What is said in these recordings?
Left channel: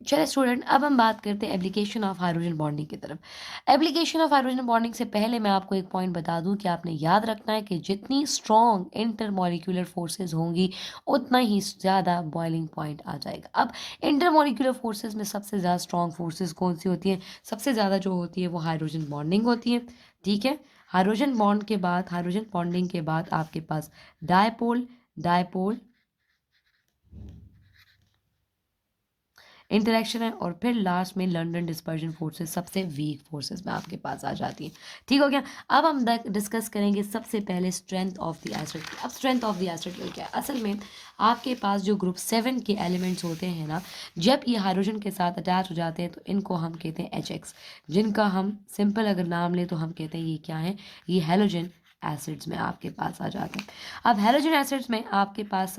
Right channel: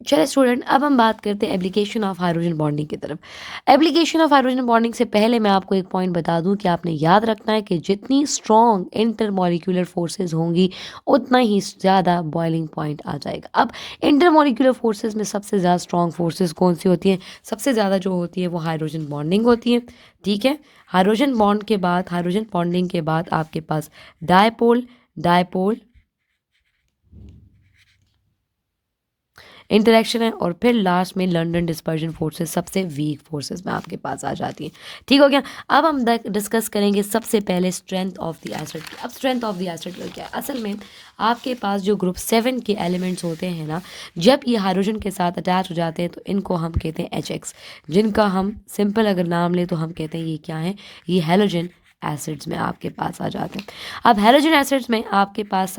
चलिए स्टूडेंट, अब हम बात करते हैं एप्लीकेशन ऑफ हाइड्रोजन बॉन्डिंग की तरफ। एप्लीकेशन ऑफ हाइड्रोजन बॉन्डिंग से पहले मैं आपको एक पॉइंट बता दूं कि आपने याद रखना है कि जितनी स्ट्रॉन्ग इंटरमॉलिक्यूलर फोर्सेस होंगी उतना ही ज़्यादा बॉइलिंग पॉइंट आ जाएगा। अब इंटरमॉलिक्यूलर फोर्सेस में सबसे ज़्यादा स्ट्रॉन्ग फोर्सेस कौन सी होती हैं? सबसे ज़्यादा जो होती है वो हाइड्रोजन बॉन्डिंग होती है। ठीक है, हाइड्रोजन बॉन्ड के बाद, हाइड्रोजन बॉन्डिंग के बाद आपके पास डायपोल, डायपोल इंटरेक्शन है, और फिर लास्ट में लंदन डिस्पर्जन फोर्सेस सबसे वीक फोर्सेस में आपके पास आ जाती है। ठीक हो गया। अब हम डिस्कस करेंगे सबसे पहले स्ट्रेंथ ऑफ द एसिड। अब स्ट्रेंथ ऑफ द एसिड क्या है? असल में आपके पास जो ग्रुप 7 के एलिमेंट्स होते हैं ना, जब ये हाइड्रोजन के साथ अटैच हो जाते हैं तो इनको हम कहते हैं HX, जिनका हम सिंपल अगर नाम लें तो हम कहते हैं ये क्या है? ये हेलोजन एसिड्स में आपके पास आ जाते हैं। अब हेलोजन एसिड्स में आपके पास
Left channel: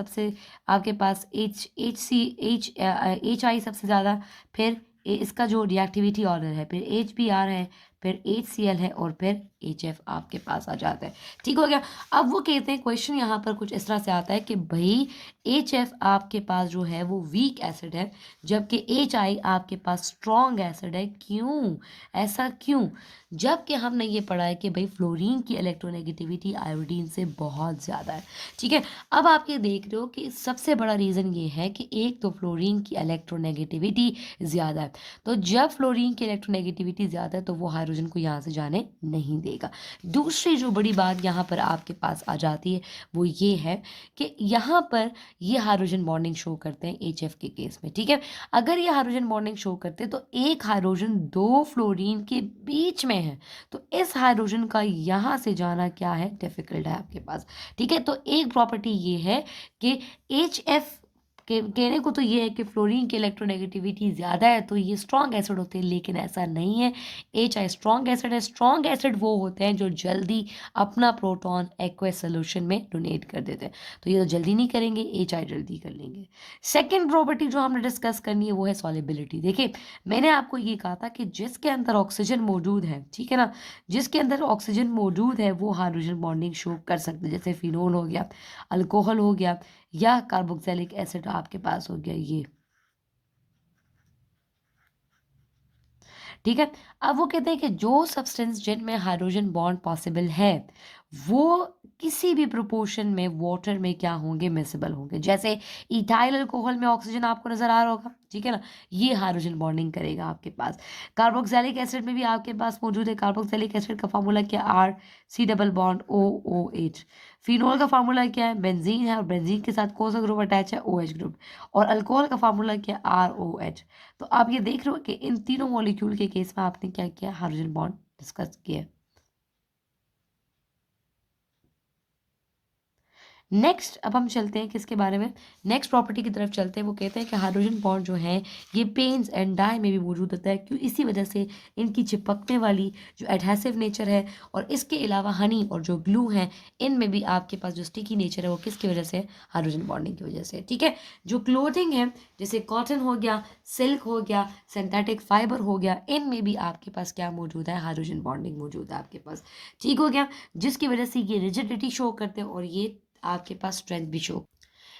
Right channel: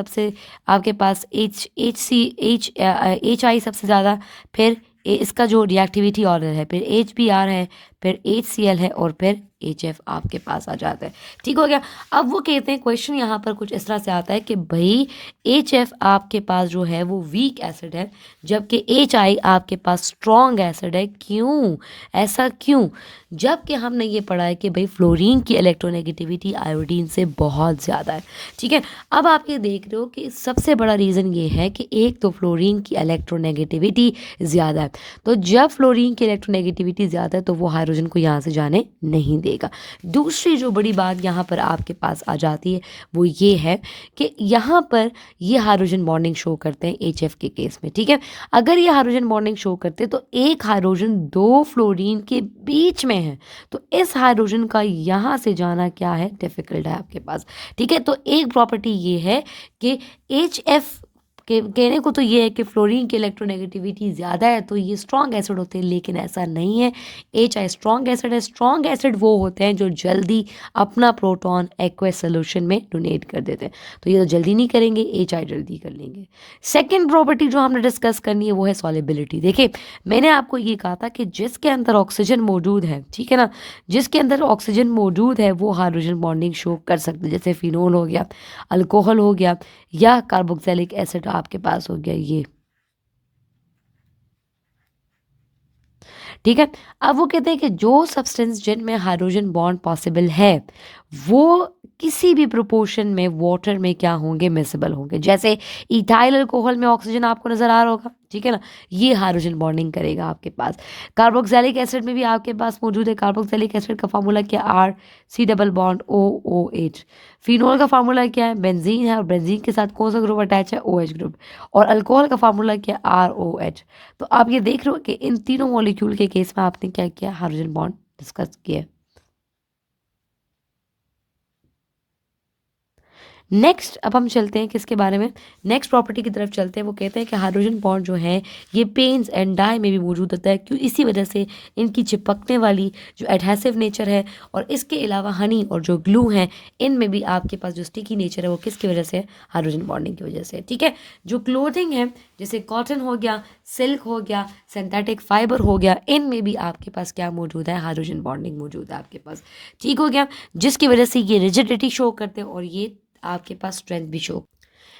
एच आई सबसे ज़्यादा, फिर इसका जो रिएक्टिविटी ऑर्डर है, फिर HBr है, फिर HCl है, और फिर HF आपके पास आ जाता है। ठीक हो गया। अब वो कहते हैं, क्वेश्चन यहाँ पर कुछ इस तरह से आता है कि भाई HF आपके पास जो है वो वीक एसिड है, जबकि HI आपके पास स्ट्रॉन्ग एसिड है। क्यों? ऐसा क्यों? जबकि हमने ये पढ़ा है कि भाई फ्लोरीन की इलेक्ट्रोनेगेटिविटी आयोडीन से बहुत ज़्यादा है। ठीक है, अब आप ये देख रहे हो कि सबसे बड़ा रीज़न ये है कि एक तो फ्लोरीन की इलेक्ट्रोनेगेटिविटी ज़्यादा है, तो जब फ्लोरीन की इलेक्ट्रोनेगेटिविटी ज़्यादा है तो वो हाइड्रोजन को यहाँ से जाने नहीं देगा। दूसरी जो बड़ी बात यहाँ पर आपके पास आ जाती है वो ये है कि यहाँ पर ये हाइड्रोजन बॉन्डिंग शो करते हैं HF के केस में। ठीक है, अगर ये हाइड्रोजन बॉन्डिंग शो करते तो एक हाइड्रोजन दो फ्लोरीन के बीच में है, तो इस हाइड्रोजन का यहाँ से जाना क्या है? डिफिकल्ट है आपके पास। ठीक है, तो एक प्रॉपर्टी ये है कि HF के कहने को तो ये है कि फ्लोरीन की इलेक्ट्रोनेगेटिविटी ज़्यादा है तो ये स्ट्रॉन्ग एसिड होते हैं, लेकिन ऐसा नहीं है। HI स्ट्रॉन्ग एसिड है। स्ट्रॉन्ग एसिड वो होते हैं जो जल्दी अपना प्रोटॉन एक्वस सोल्यूशन में डोनेट कर देते हैं, तो ये तो जल्दी नहीं करेंगे, HI जल्दी कर लेंगे। सेकेंड प्रॉपर्टी जो हमने डिस्कस करनी है वो है सॉलिबिलिटी। देखिए, मैंने आपको ये कहा था कि जिसके अंदर ऑक्सीजन मौजूद है, ठीक है ना, जिसके अंदर ऑक्सीजन मौजूद है वो हाइड्रोजन बॉन्डिंग शो कर सकते हैं, जैसे फिनोल हो गया, अल्कोहल हो गया, या कार्बोक्सिलिक एसिड आपके पास हो गया ये। ठीक है, अब वो कहते हैं कि जो सब्सटेंस जिनमें हाइड्रोजन बॉन्ड पॉसिबल है वो किसी भी प्रोपोर्शन में वाटर में क्या होंगे? मिसिबल होंगे। जैसे इथाइल अल्कोहल में ऑक्सीजन आपको नजर आ रहा होगा, ठीक है ना, ये हाइड्रोजन बॉन्डिंग करेगा आपके पास। कार्बोक्सिलिक एसिड में भी आपके पास मौजूद है। कार्बोक्सिलिक एसिड का फार्मूला क्या? RC double bond OOH। Phenol का फार्मूला क्या है? बेंजीन है, और बेंजीन के साथ कौन सा ग्रुप अटैच है? OH group. और अल्कोहल का फार्मूला क्या है? ROH। तो आप ये देख रहे हो कि इन तीनों मॉलिक्यूल के केस में आपने क्या किया? हाइड्रोजन बॉन्ड डिस्कस किया। नेक्स्ट अब हम चलते हैं किसके बारे में? नेक्स्ट प्रॉपर्टी की तरफ चलते हैं। वो कहते हैं कि हाइड्रोजन बॉन्ड जो है ये पेन्स एंड डाई में भी मौजूद होता है, क्यों? इसी वजह से इनकी चिपकने वाली जो एडहेसिव नेचर है, और इसके अलावा हनी और जो ग्लू है, इनमें भी आपके पास जो स्टिकी नेचर है वो किसकी वजह से है? हाइड्रोजन बॉन्डिंग की वजह से। ठीक है, जो क्लोथिंग है जैसे कॉटन हो गया, सिल्क हो गया, सिंथेटिक फाइबर हो गया, इनमें भी आपके पास क्या मौजूद है? हाइड्रोजन बॉन्डिंग मौजूद है आपके पास। ठीक हो गया, जिसकी वजह से ये रिजिडिटी शो करते हैं और ये आपके पास स्ट्रेंथ भी शो।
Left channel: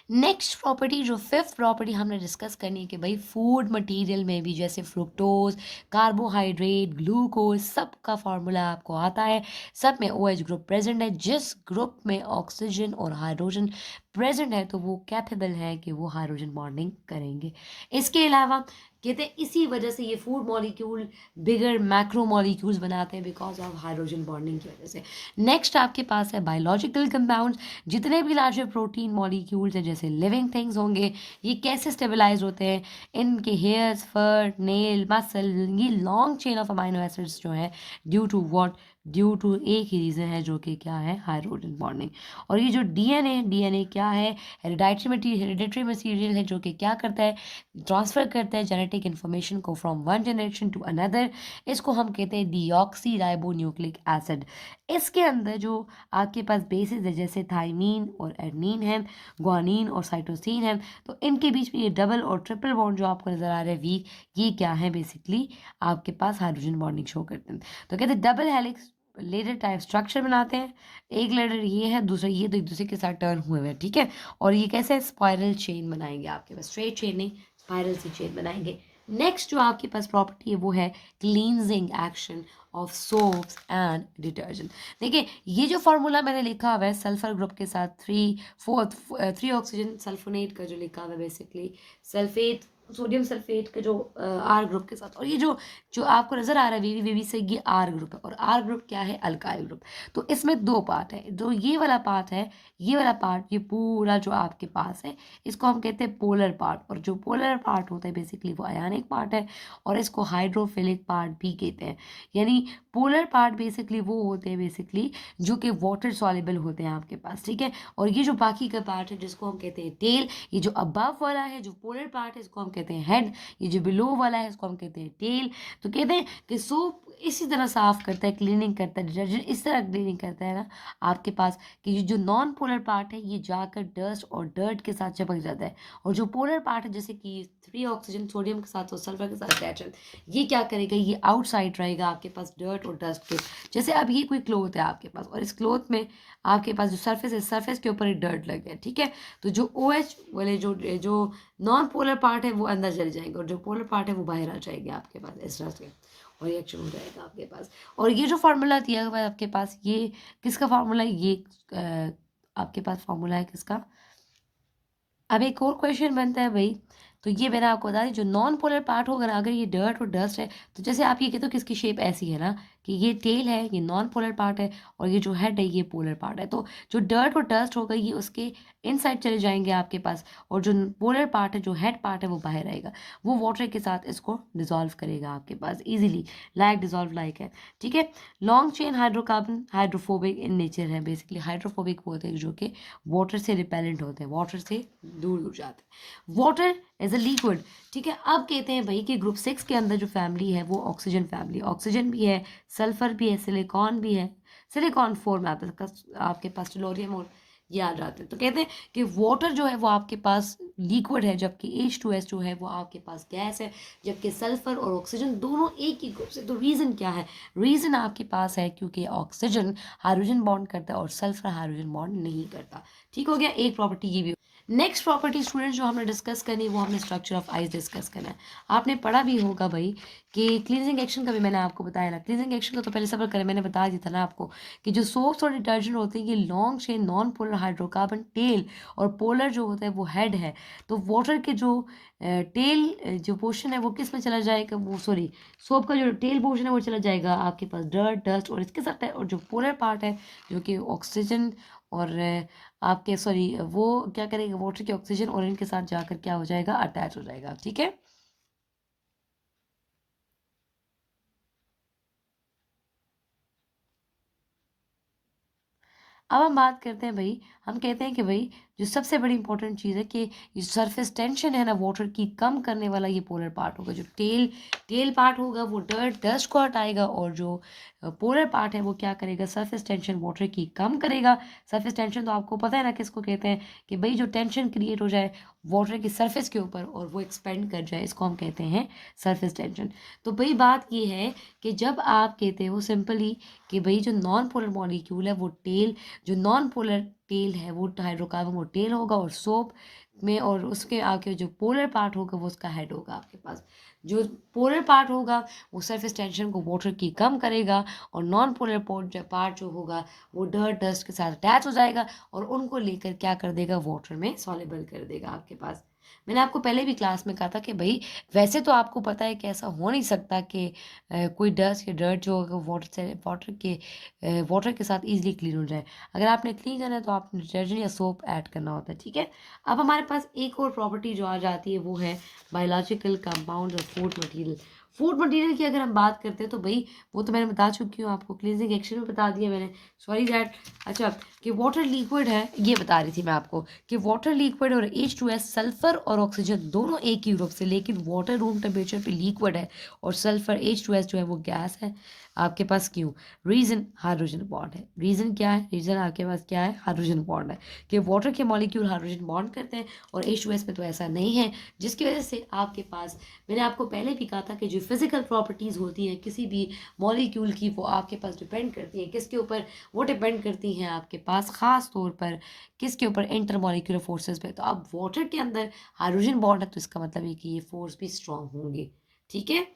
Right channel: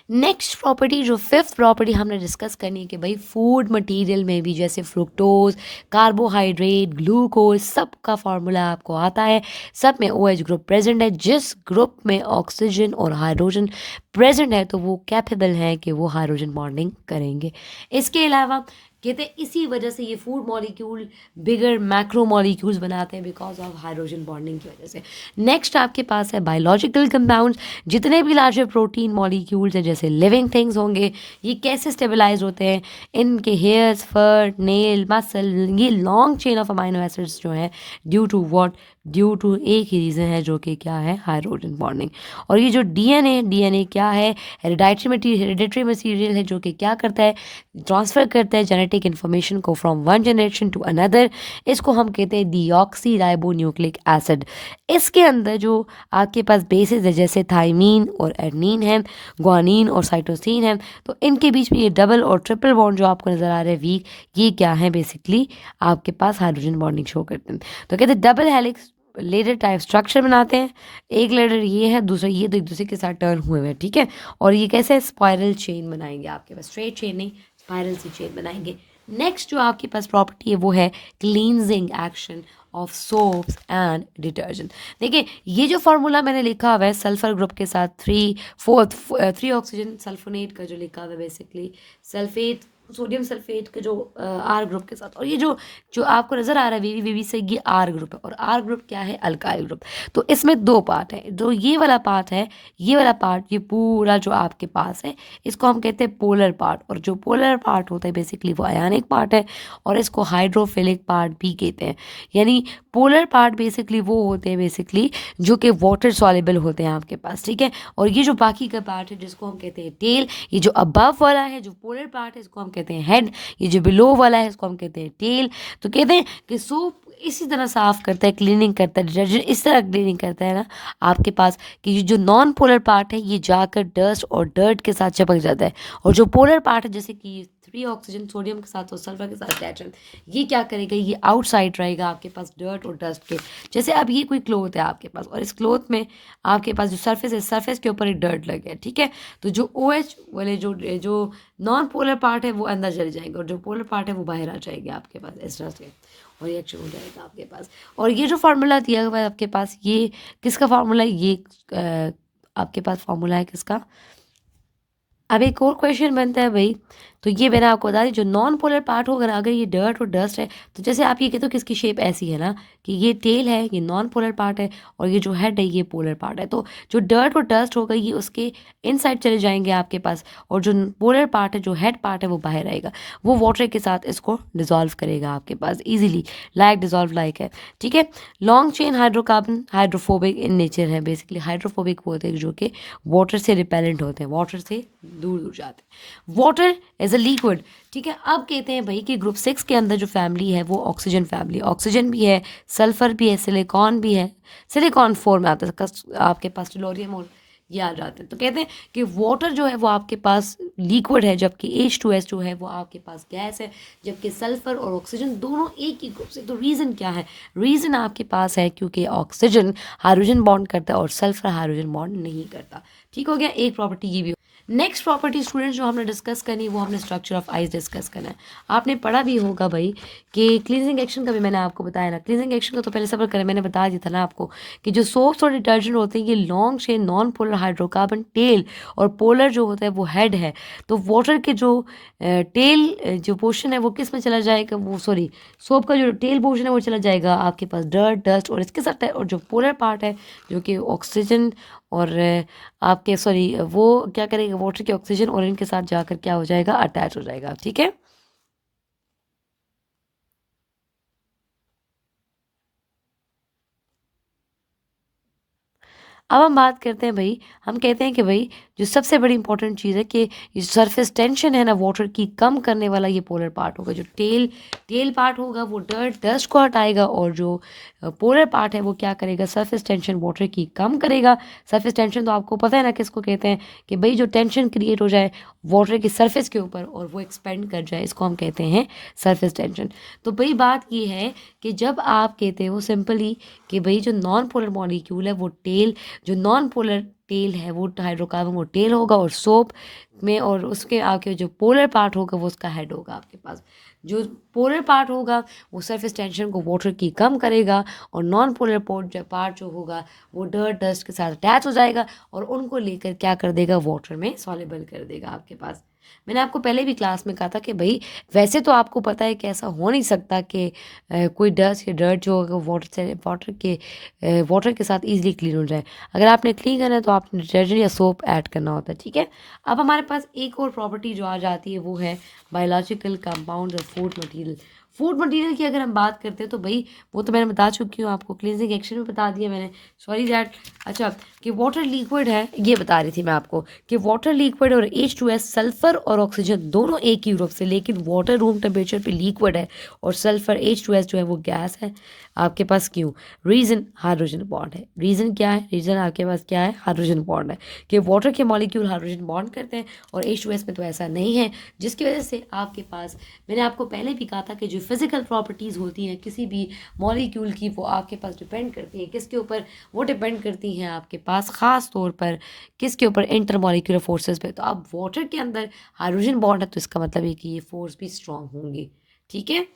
नेक्स्ट प्रॉपर्टी, जो फिफ्थ प्रॉपर्टी हमने डिस्कस करनी है कि भाई फूड मटेरियल में भी जैसे फ्रुक्टोज, कार्बोहाइड्रेट, ग्लूकोज, सब का फार्मूला आपको आता है। सब में OH ग्रुप प्रेजेंट है। जिस ग्रुप में ऑक्सीजन और हाइड्रोजन प्रेजेंट है तो वो कैपेबल है कि वो हाइड्रोजन बॉन्डिंग करेंगे। इसके अलावा कहते हैं इसी वजह से ये फूड मॉलिक्यूल बिगर मैक्रो मॉलिक्यूल्स बनाते हैं, बिकॉज ऑफ हाइड्रोजन बॉन्डिंग की वजह से। नेक्स्ट आपके पास है बायोलॉजिकल कंपाउंड्स। जितने भी लार्जर प्रोटीन मॉलिक्यूल्स हैं जैसे लिविंग थिंग्स होंगे, ये कैसे स्टेबलाइज होते हैं? इनके हेयर्स, फर, नेल, मसल, ये long chain of amino acids जो है, due to what? Due to एक ही रीज़न है जो कि क्या है? Hydrogen bonding. और ये जो डीएनए क्या है? हेरिडेटरी मटीरियल है जो कि क्या करता है? ट्रांसफ़र करता है जेनेटिक इन्फॉर्मेशन को from one generation to another. इसको हम कहते हैं डीऑक्सी राइबो न्यूक्लिक एसिड। इसके अंदर जो आपके पास बेसिस है जैसे थाइमीन और एडनीन है, ग्वानिन और साइटोसिन है, तो इनके बीच में ये डबल और ट्रिपल बॉन्ड जो आपको नज़र आ रहा है वीक, ये क्या है? बेसिकली आपके पास हाइड्रोजन बॉन्डिंग शो करते हैं। तो कहते हैं double helix ladder type structure बनाते हैं। एक लेडर ये है, दूसरा ये, तो एक दूसरे के साथ टर्न हुए हुए हैं। ठीक है, और ये कैसे? स्पाइरल चेन बनाएंगे आपके पास, स्ट्रेट चेन नहीं, स्पाइरल सी चेन बनाएंगे। नेक्स्ट जो आपके पास प्रॉपर्टी है वो है cleansing action of soaps and detergent. देखिए ये जो फार्मूला मैंने लिखा हुआ है सल्फर ग्रुप के साथ 3 ऑक्सीजन सल्फोनेट का जो लिखा हुआ है बेसिकली सल्फेट सोडियम सल्फेट के जो आर ग्रुप के साथ, और ये जो जो आपको नजर आ रहा है वीवी से ये आर ग्रुप है, और आर ग्रुप क्या है अल्काइल ग्रुप। तो इसमें दो पार्ट है, जो ये वाला पार्ट है, ये वाला पार्ट ये पूरा जो आपके पास है इसको हम कहते हैं पोलर पार्ट, और जो पोलर पार्ट होता है बेसिकली वो आयनिक पार्ट है, और इसको हाइड्रोफिलिक पार्ट भी कहते हैं। यानी पोलर पार्ट बेसिकली वो होते हैं बेसिकली जो कि वाटर सॉल्युबल होते हैं आपके पास, ठीक है। और ये जो बाकी का पार्ट है जिसको हम कहते हैं टेल, ये जो अबव वाला है जो पोलर पार्ट है इसको हम कहते हैं हेड, ये जो बिलो वाला है इसको हम कहते हैं टेल। तो कहते हैं कि सोप इसी तरह साफ करता है, क्लीनिंग करता है, डिटर्जेंट इस तरह क्लीनिंग करता है ना आपके पास कि ये जो नॉन पोलर पार्ट है ये जाकर डस्ट और डर्ट के साथ चिपक जाता है, और जो पोलर पार्ट है जैसे कि 3 ऑक्सीजन सोडियम के साथ और सल्फर के साथ अटैच, ये क्या करेगा, ये आउटसाइड रहेगा आपके पास डर्ट और डस्ट के। जैसे अब ये कोई क्लोथ है आपके पास, और इस क्लोथ में आपके पास जो सरफेस है सरफेस के ऊपर एक डर्ट लग गया, ठीक है। तो जो ओ एच वाले जो जो नॉन पोलर पार्ट है वो अंदर चले जाएंगे, और जो पोलर पार्ट है वो बाहर आ जाएंगे आपके पास इस तरह से, और रिएक्शन हो जाएगा आपके पास। और ये जो फार्मूला दिया हुआ है आपके पास, ये किसका फार्मूला है, ये आपके पास फार्मूला है किसका। अब एक और क्वेश्चन बनता है भाई, तो ये मैंने आपको बता दी जो नॉन पोलर पार्ट होगा ना, अगर ये डर्ट और डस्ट है, तो जैसे आप ये कहते हो कि इसकी शेप ऐसी है ना कि ये टेल है, ये नॉन पोलर पार्ट है, और ये जो हेड है ये पोलर पार्ट है। तो जो डर्ट और डस्ट होगा ये उसके इनसाइड चले जाएंगे आपके पास, और जो पोलर पार्ट है जो हेड पार्ट है वो बाहर आएगा, वो वाटर के साथ इसको डिजॉल्व करेगा आपके पास ईजिली, लाइक डिजॉल्व लाइक है, ठीक है। Long chain hydrocarbon hydrophobic in nature है, बेसिकली हाइड्रोफोबिक होते हैं जो कि वाटर से रिपेलेंट होते हैं, वाटर से दूर दूर जाते हैं। वाटर एज अ लिक्विड, ठीक है। अब कहते हैं भाई कि ग्रुप 6 के अंदर जो फैमिली है वो ऑक्सीजन फैमिली, ऑक्सीजन भी है, सल्फर भी है, सिलिकॉन भी है, सिलिकॉन 4 में आता है आपके पास टेलोरियम और ये आ जाते हैं। तो कहते हैं कि वाटर जो है वो आपके पास लिक्विड है, जबकि H2S जो है वो आपके पास गैस है, जबकि सल्फर और ऑक्सीजन दोनों एक ही ग्रुप से। तो रीज़न क्या है, रीज़न आपके पास है क्योंकि ऑक्सीजन हाइड्रोजन बॉन्ड करता है और सल्फर हाइड्रोजन बॉन्ड नहीं करता। ठीक हो गया, एक प्रॉपर्टी ये भी। नेक्स्ट प्रॉपर्टी स्टूडेंट जो हमने डिस्कस करनी है वो हमने स्ट्रक्चर ऑफ आइस डिस्कस करना है। आपने पढ़ा भी होगा भाई कि क्लींजिंग एक्शन का भी मैंने आपको बताया ना, क्लींजिंग एक्शन का तो पहले सफर करें, मैंने बता दिया था ना आपको कि जो सोप्स और डिटर्जेंट होते हैं ये long chain non polar hydrocarbon tail, और पोलर जो होता है वो हेड है। तो वाटर के जो टेल जो पोर्शन है वो किस में चला जाएगा, वो सॉरी सोप का जो टेल पोर्शन है वो चला जाएगा आपके पास डर्ट डस्ट और इसके साथ, और जो पोलर पार्ट है जो कि ऑक्सीजन और आपके सॉरी वो क्या करेगा, वाटर के ऑक्सीजन और इनके साथ जाकर क्या हो जाएगा, अटैच हो जाएगा, ठीक है। अब हम बात करते हैं भाई, हम कहते हैं कि भाई जो सबसे बड़ी इंपॉर्टेंट चीज़ है कि ये सरफेस टेंशन है ना वाटर की कम करने वाला ये पोलर पार्ट होगा। जो टेल टेल पार्ट होगा वो डस्ट को हटाएगा, और जो पोलर पार्ट है वो क्या करेगा, सरफेस टेंशन वाटर की कम करेगा। सरफेस टेंशन तो आपको पता है ना किसको कहते हैं, कि भाई जो टेंशन क्रिएट हो जाए वाटर की सरफेस के ऊपर और वो एक्सपेंड कर जाए, इसको हम कहते हैं सरफेस टेंशन। तो भाई बात ये है कि जब आप कहते हो सिंपली कि भाई जो नॉन पोलर मॉलिक्यूल है वो टेल, जो नॉन पोलर टेल है वो हाइड्रोकार्बन वो टेल होगा, और सोप में और उसके आगे जो पोलर पार्ट होगा वो उसका हेड होगा आपके पास। जो पोलर पार्ट होगा वो सरफेस टेंशन को वाटर की कम करेगा, और नॉन पोलर पार्ट जो होगा वो डर्ट डस्ट के साथ अटैच हो जाएगा, और उनको लेकर क्या कर देगा, वाटर में सॉल्युबल कर देगा आपके पास। मैंने आपको पहले भी क्लास में कहा था कि भाई वैसे तो आपको पता है कि ऐसा हो नहीं सकता कि कोई डस्ट या डर्ट जो होगा वाटर के साथ ईजिली क्लीन हो जाए। अगर आपने क्लीन करना है तो आपने डिटर्जेंट या सोप ऐड करना होता है, ठीक है। अब हमारे पास एक और प्रॉपर्टी जो आ जाती है वो है बायोलॉजिकल कंपाउंड और फूड मटेरियल। फूड मटेरियल की अगर हम बात करते हैं तो भाई वो तो मैंने बता चुकी हूँ आपको, क्लींजिंग एक्शन में बता दिया मैंने, सॉरी दैट। अच्छा, कि वाटर लिक्विड है ये बता रही थी मैं आपको कि वाटर लिक्विड और H2S सल्फर और ऑक्सीजन दोनों एक ही ग्रुप से, लेकिन वाटर रूम टेम्परेचर पे लिक्विड है और सल्फर H2S जो है वो गैस है आपके पास। क्यों, रीज़न हाइड्रोजन बॉन्ड है। रीज़न क्या है, रीज़न आपके पास क्या है, हाइड्रोजन बॉन्ड है, कि वाटर के मॉलिक्यूल हाइड्रोजन बॉन्ड करते हैं और H2S में तो ऐसा नहीं है, जिसकी वजह से आपके पास, मैंने आपको पहले भी कहा था कि जो फिजिकल प्रॉपर्टीज़ होती हैं किसी भी मॉलिक्यूल की वो आपके पास डिपेंड करती हैं किसके ऊपर, वो डिपेंड करती हैं आपके पास ख़ास तौर पर किसके ऊपर, इंटरमॉलिक्यूलर फोर्सेस पे। तो अब वाटर के अंदर हाइड्रोजन बॉन्ड है तो इसका मतलब है कि ये फोर्स भी स्ट्रांग होंगे, ठीक है,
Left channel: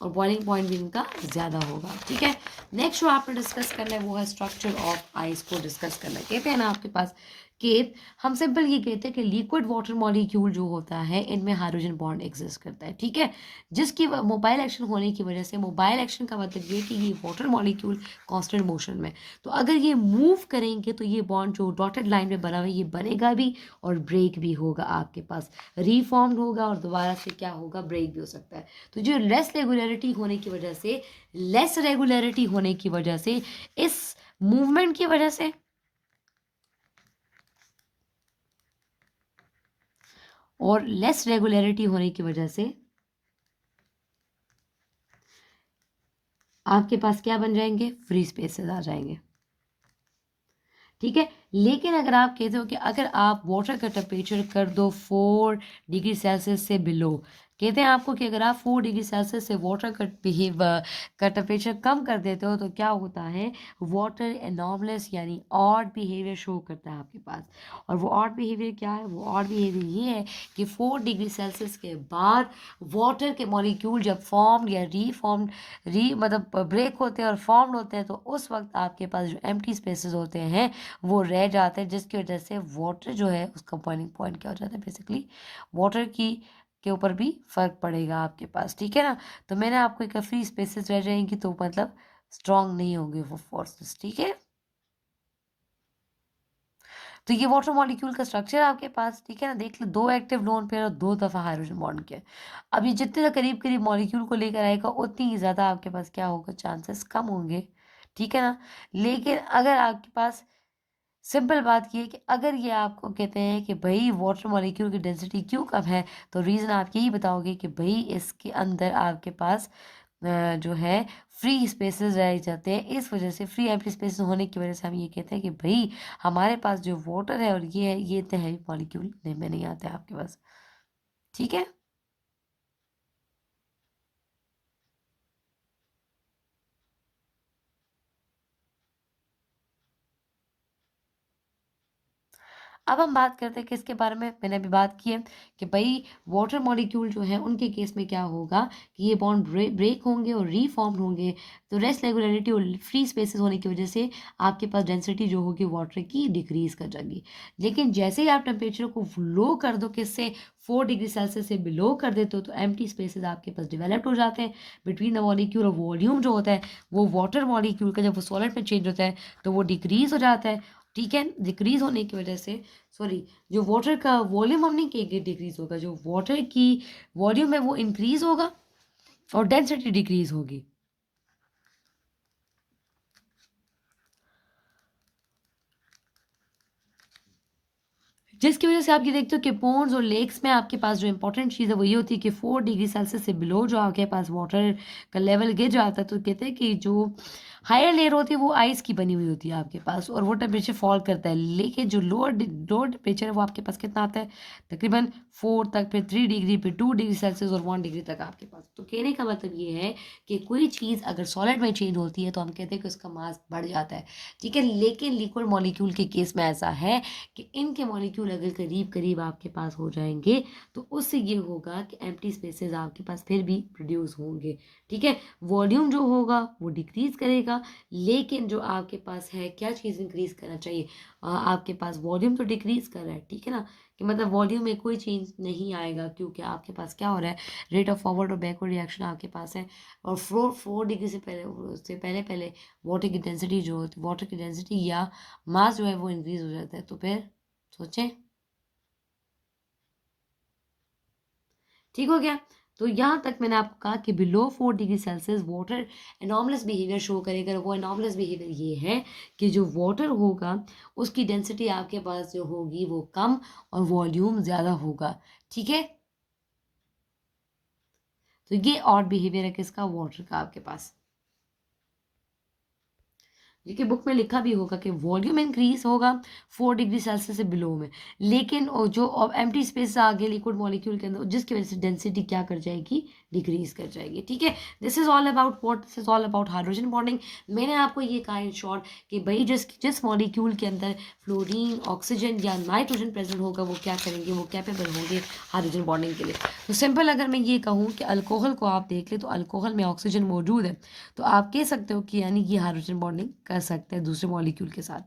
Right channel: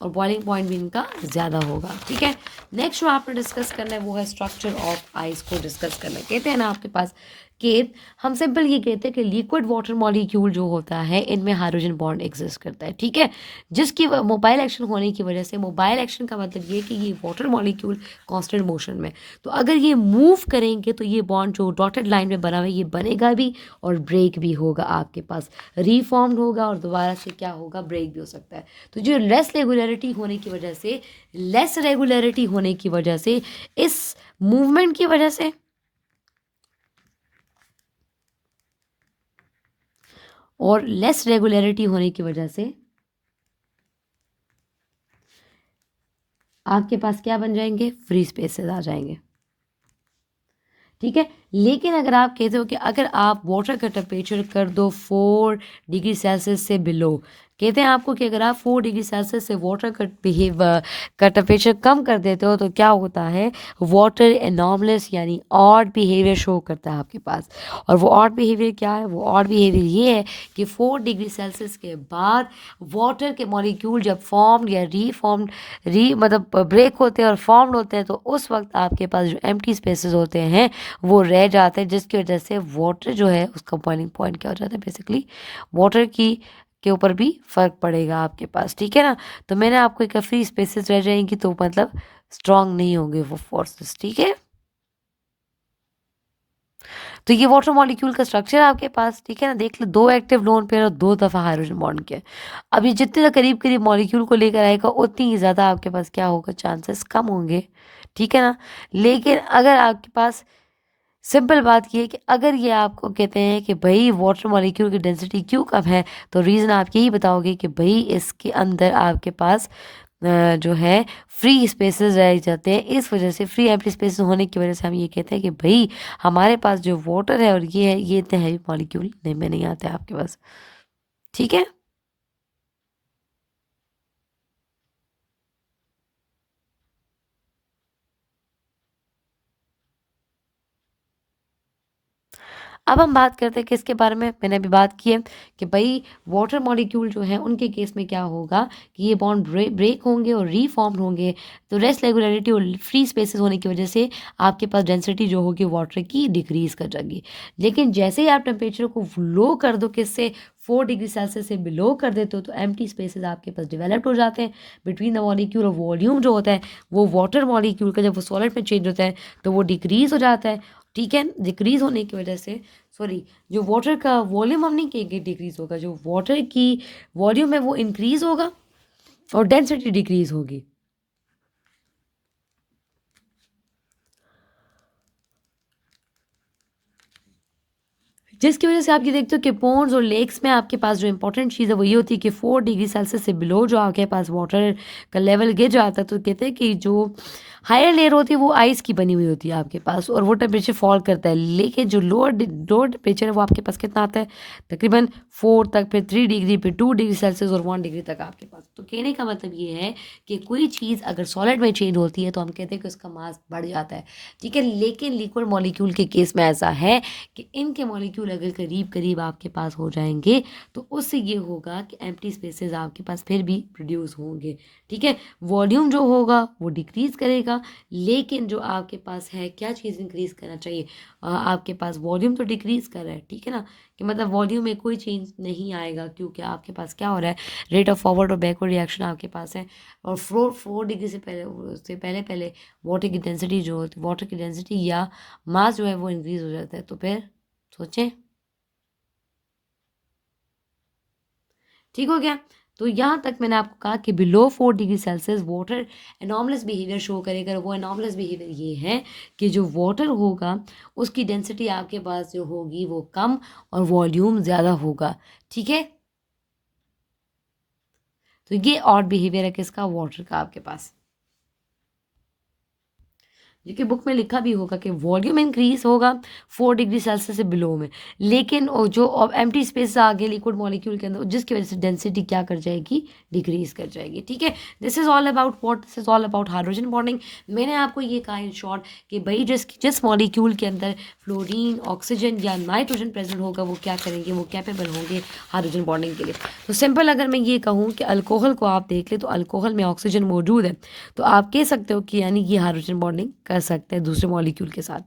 और बॉइलिंग पॉइंट भी इनका ज़्यादा होगा, ठीक है। नेक्स्ट जो आपने डिस्कस करना है वो है स्ट्रक्चर ऑफ आइस को डिस्कस करना है। कहते हैं ना आपके पास कि हम सिंपल ये कहते हैं कि लिक्विड वाटर मॉलिक्यूल जो होता है इनमें हाइड्रोजन बॉन्ड एग्जिस्ट करता है, ठीक है, जिसकी मोबाइल एक्शन होने की वजह से, मोबाइल एक्शन का मतलब ये कि ये वाटर मॉलिक्यूल कांस्टेंट मोशन में, तो अगर ये मूव करेंगे तो ये बॉन्ड जो डॉटेड लाइन में बना हुआ है ये बनेगा भी और ब्रेक भी होगा, आपके पास रीफॉर्म्ड होगा और दोबारा से क्या होगा, ब्रेक भी हो सकता है। तो जो लेस रेगुलरिटी होने की वजह से इस मूवमेंट की वजह से और लेस रेगुलरिटी होने की वजह से आपके पास क्या बन जाएंगे, फ्री स्पेसेस आ जाएंगे, ठीक है। लेकिन अगर आप कहते हो कि अगर आप वाटर का टेम्परेचर कर दो 4 डिग्री सेल्सियस से बिलो, कहते हैं आपको कि अगर आप 4 डिग्री सेल्सियस से वाटर का का टेम्परेचर कम कर देते हो तो क्या होता है, वाटर एनॉर्मलस यानी ऑड बिहेवियर शो करता है आपके पास। और वो ऑड बिहेवियर क्या है, वो ऑड बिहेवियर ये है कि 4 डिग्री सेल्सियस के बाद वाटर के मॉलिक्यूल जब फॉर्म्ड या रीफॉर्म्ड मतलब ब्रेक होते हैं और फॉर्म्ड होते हैं तो उस वक्त आपके पास जो एम्प्टी स्पेसेस होते हैं वो रह जाते हैं, जिसकी वजह से वाटर जो है उसका बॉइलिंग पॉइंट क्या हो जाता है, बेसिकली वाटर की के ऊपर भी फर्क पड़ेगा आपके पास, ठीक है ना। तो मैंने आपको एक फ्री स्पेसेस रह जाएंगी तो मतलब स्ट्रांग नहीं होंगे वो फोर्सेस, ठीक है। तो ये वाटर मॉलिक्यूल का स्ट्रक्चर आपके पास, ठीक है ना, देख लो 2 एक्टिव लोन पेयर और 2 दफ़ा हाइड्रोजन बॉन्ड के। अब ये जितने करीब करीब मॉलिक्यूल को लेकर आएगा उतनी ही ज़्यादा आपके पास क्या होगा, चांसेस कम होंगे, ठीक है ना। लेकिन अगर आपके पास सिंपल बात ये है कि अगर ये आपको कहते हैं कि भाई वाटर मॉलिक्यूल की डेंसिटी क्यों कम है, तो रीज़न आप यही बताओगे कि भाई इसके अंदर आपके पास जो है फ्री स्पेसेस रह जाते हैं, इस वजह से फ्री एम्प्टी स्पेसेस होने की वजह से हम ये कहते हैं कि भाई हमारे पास जो वाटर है और ये है, ये इतने हैवी मॉलिक्यूल नहीं में नहीं आते हैं आपके पास, ठीक है। अब हम बात करते हैं किसके बारे में, मैंने अभी बात की है कि भाई वाटर मॉलिक्यूल जो है उनके केस में क्या होगा कि ये बॉन्ड ब्रेक होंगे और रीफॉर्म होंगे, तो रेस्ट रेगुलरिटी और फ्री स्पेसेस होने की वजह से आपके पास डेंसिटी जो होगी वाटर की डिक्रीज कर जाएगी। लेकिन जैसे ही आप टेम्परेचर को लो कर दो, किससे, 4 डिग्री सेल्सियस से बिलो कर देते हो, तो एम्प्टी स्पेसेस आपके पास डेवलप्ड हो जाते हैं बिटवीन द मॉलिक्यूल, और वॉल्यूम जो होता है वो वाटर मॉलिक्यूल का जब वो सॉलिड में चेंज होता है तो वो डिक्रीज हो जाता है, ठीक है। डिक्रीज होने की वजह से, सॉरी, जो वाटर का वॉल्यूम हम नहीं कहेंगे डिक्रीज होगा, जो वाटर की वॉल्यूम है वो इंक्रीज होगा और डेंसिटी डिक्रीज होगी, जिसकी वजह से आप ये देखते हो कि पोन्ड्स और लेक्स में आपके पास जो इंपॉर्टेंट चीज़ है वो ये होती है कि 4 डिग्री सेल्सियस से बिलो जो आपके पास वाटर का लेवल गिर जाता है, तो कहते हैं कि जो हायर लेयर होती है वो आइस की बनी हुई होती है आपके पास और वो टेम्परेचर फॉल करता है। लेकिन जो लोअर टेम्परेचर है वो आपके पास कितना आता है, तकरीबन 4 तक, फिर 3 डिग्री, फिर 2 डिग्री सेल्सियस और 1 डिग्री तक आपके पास। तो कहने का मतलब ये है कि कोई चीज़ अगर सॉलिड में चेंज होती है तो हम कहते हैं कि उसका मास बढ़ जाता है, ठीक है। लेकिन लिक्विड मॉलिक्यूल के केस में ऐसा है कि इनके मॉलिक्यूल अगर करीब करीब आपके पास हो जाएंगे तो उससे ये होगा कि एम्प्टी स्पेसेस आपके पास फिर भी प्रोड्यूस होंगे, ठीक है। वॉल्यूम जो होगा वो डिक्रीज करेगा, लेकिन जो आपके पास है क्या चीज़ इंक्रीज करना चाहिए, आपके पास वॉल्यूम तो डिक्रीज कर रहा है, ठीक है ना, कि मतलब वॉल्यूम में कोई चेंज नहीं आएगा क्योंकि आपके पास क्या हो रहा है, रेट ऑफ फॉरवर्ड और बैकवर्ड रिएक्शन आपके पास है। और 4 डिग्री से पहले पहले वाटर की डेंसिटी या मास जो है वो इंक्रीज हो जाता है, तो फिर सोचें, ठीक हो गया। तो यहाँ तक मैंने आपको कहा कि below 4 degree Celsius water anomalous behaviour show करेगा। वो एनॉर्मलस बिहेवियर ये है कि जो वाटर होगा उसकी डेंसिटी आपके पास जो होगी वो कम और वॉल्यूम ज़्यादा होगा, ठीक है। तो ये ऑड बिहेवियर है किसका, वाटर का आपके पास। जो कि बुक में लिखा भी होगा कि वॉल्यूम इंक्रीज होगा 4 डिग्री सेल्सियस से बिलो में, लेकिन जो एम्प्टी स्पेस आ गया लिक्विड मॉलिक्यूल के अंदर, जिसकी वजह से डेंसिटी क्या कर जाएगी, डिक्रीज कर जाएगी। ठीक है, this is all about what, this is all about hydrogen bonding. मैंने आपको ये कहा इन शॉर्ट कि भाई जिस मॉलिक्यूल के अंदर फ्लोरीन, ऑक्सीजन या नाइट्रोजन प्रेजेंट होगा वो क्या करेंगे, वो कैपेबल होंगे हाइड्रोजन बॉन्डिंग के लिए। तो सिंपल अगर मैं ये कहूँ कि अल्कोहल को आप देख ले तो अल्कोहल में ऑक्सीजन मौजूद है, तो आप कह सकते हो कि यानी ये हाइड्रोजन बॉन्डिंग कर सकते हैं दूसरे मॉलिक्यूल के साथ।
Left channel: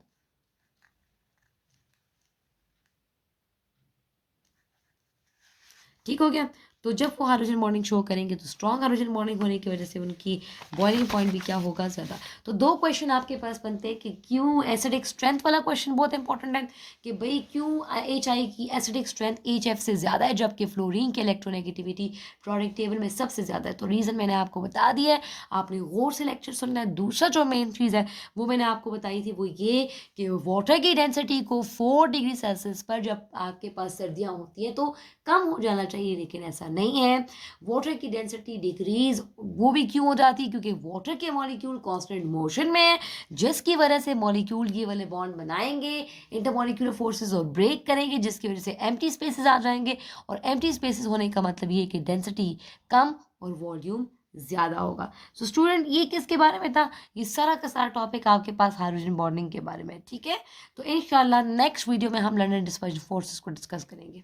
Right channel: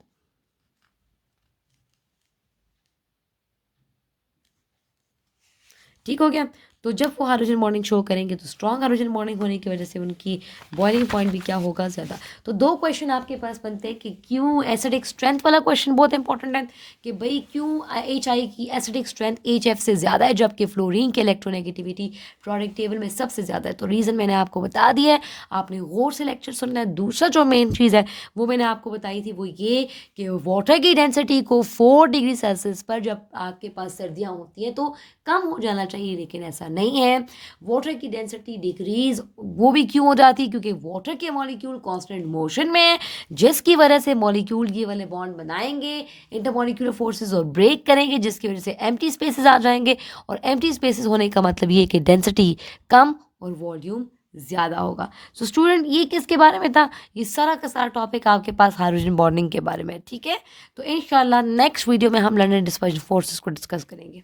ठीक हो गया। तो जब वो हाइड्रोजन बॉन्डिंग शो करेंगे तो स्ट्रॉन्ग हाइड्रोजन बॉन्डिंग होने की वजह से उनकी बॉइलिंग पॉइंट भी क्या होगा, ज़्यादा। तो दो क्वेश्चन आपके पास बनते हैं कि क्यों एसिडिक स्ट्रेंथ वाला क्वेश्चन बहुत इंपॉर्टेंट है कि भाई क्यों HI की एसिडिक स्ट्रेंथ HF से ज़्यादा है, जबकि फ्लोरीन की इलेक्ट्रोनेगेटिविटी प्रोडक्ट टेबल में सबसे ज़्यादा है। तो रीज़न मैंने आपको बता दिया है, आपने गौर से लेक्चर सुनना है। दूसरा जो मेन चीज़ है वो मैंने आपको बताई थी, वो ये कि वाटर की डेंसिटी को 4 डिग्री सेल्सियस पर जब आपके पास सर्दियाँ होती हैं तो कम हो जाना चाहिए, लेकिन ऐसा नहीं है। वाटर की डेंसिटी डिक्रीज वो भी क्यों हो जाती है, क्योंकि वाटर के मॉलिक्यूल कांस्टेंट मोशन में है, जिसकी वजह से मॉलिक्यूल ये वाले बॉन्ड बनाएंगे, इंटरमॉलिक्यूलर फोर्सेस और ब्रेक करेंगे, जिसकी वजह से एम्प्टी स्पेसेस आ जाएंगे। और एम्प्टी स्पेसेस होने का मतलब ये कि डेंसिटी कम और वॉल्यूम ज़्यादा होगा। सो स्टूडेंट, ये किसके बारे में था, ये सारा का सारा टॉपिक आपके पास हाइड्रोजन बॉन्डिंग के बारे में। ठीक है, तो इंशाल्लाह नेक्स्ट वीडियो में हम लंदन डिस्पर्जन फोर्सेस को डिस्कस करेंगे।